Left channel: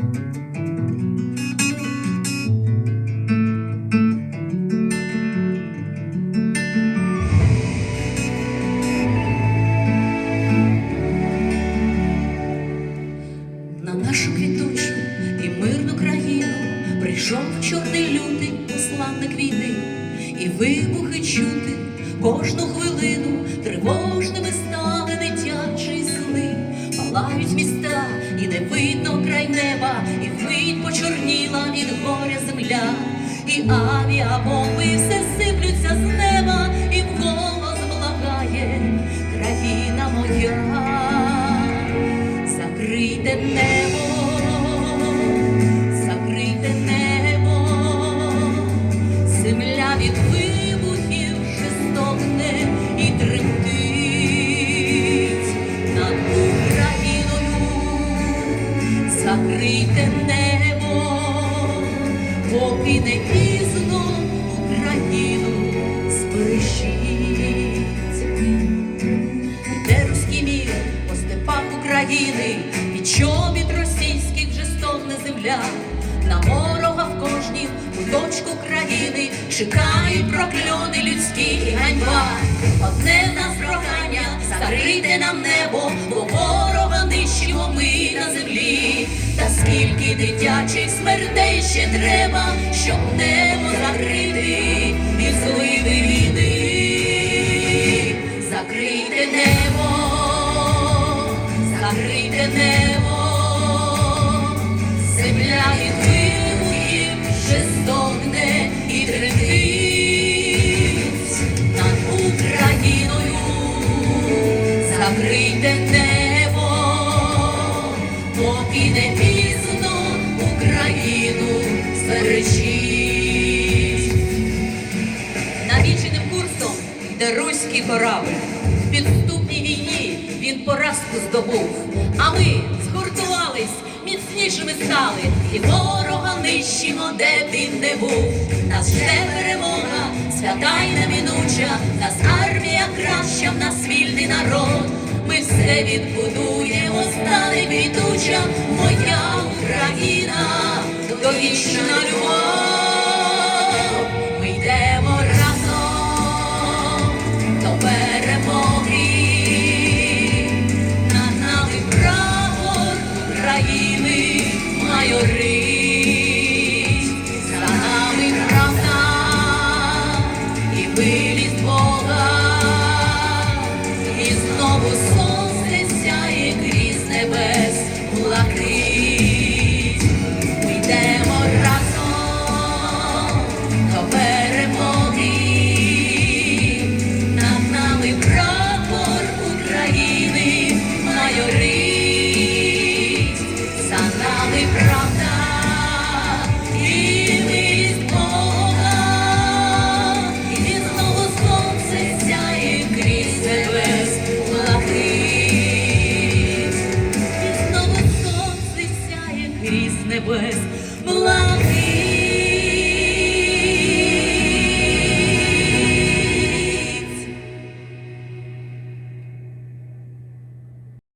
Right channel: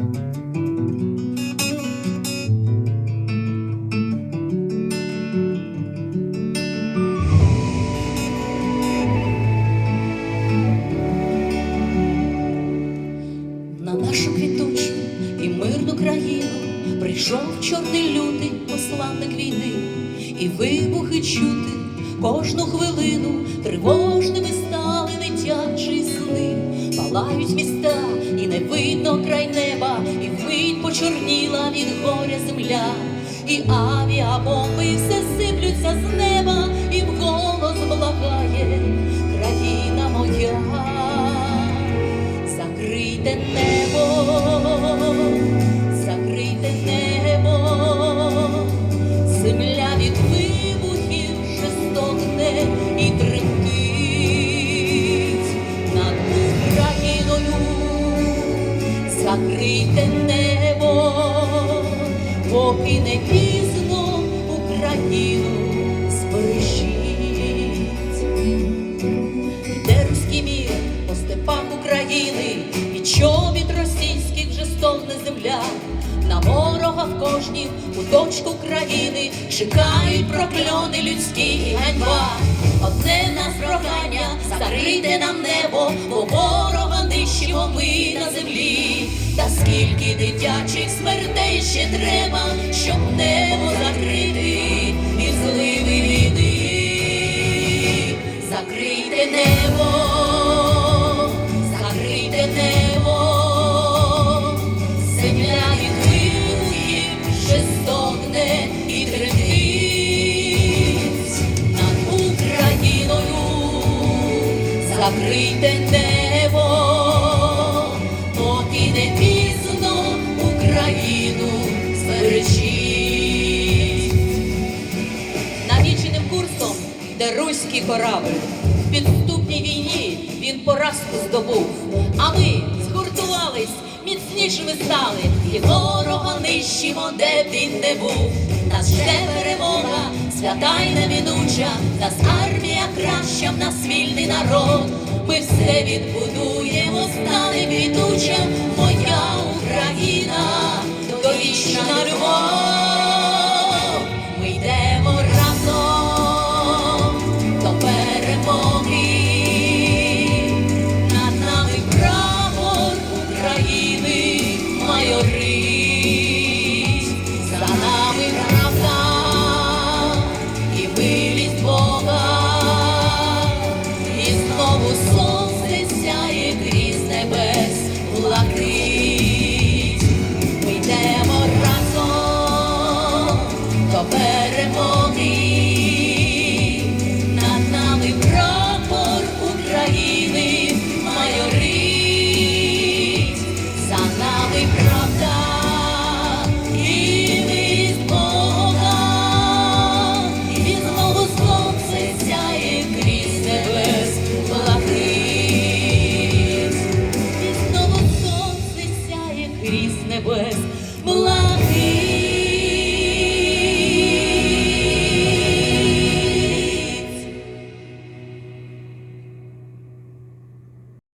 На нашу квітучу і мирну країну прийшов чорний лютий посланник війни, і вибухи чути кожну хвилину тривожними палають міста, і не видно край неба, і вмить почорніла від горя земля, і авіабомби все сиплються з неба, чекають прокльони людські і ганьба. Одне нас прохання, закрийте нам небо, бо ворога нищимо ми на землі. Та скільки дитячих смертей ще треба, щоб небо закрити і злити війни. Закрийте небо, закрийте небо, Закрийте небо, поки не пізно Україну збережіть. Навіченим курсом йде руський корабль. В підступній війні він поразку здобув. А ми згуртувались, міцнішими стали, і ворога нищимо, де він не був. Нас жде перемога, свята й неминуча, нас армія краща, в нас вільний народ. Ми все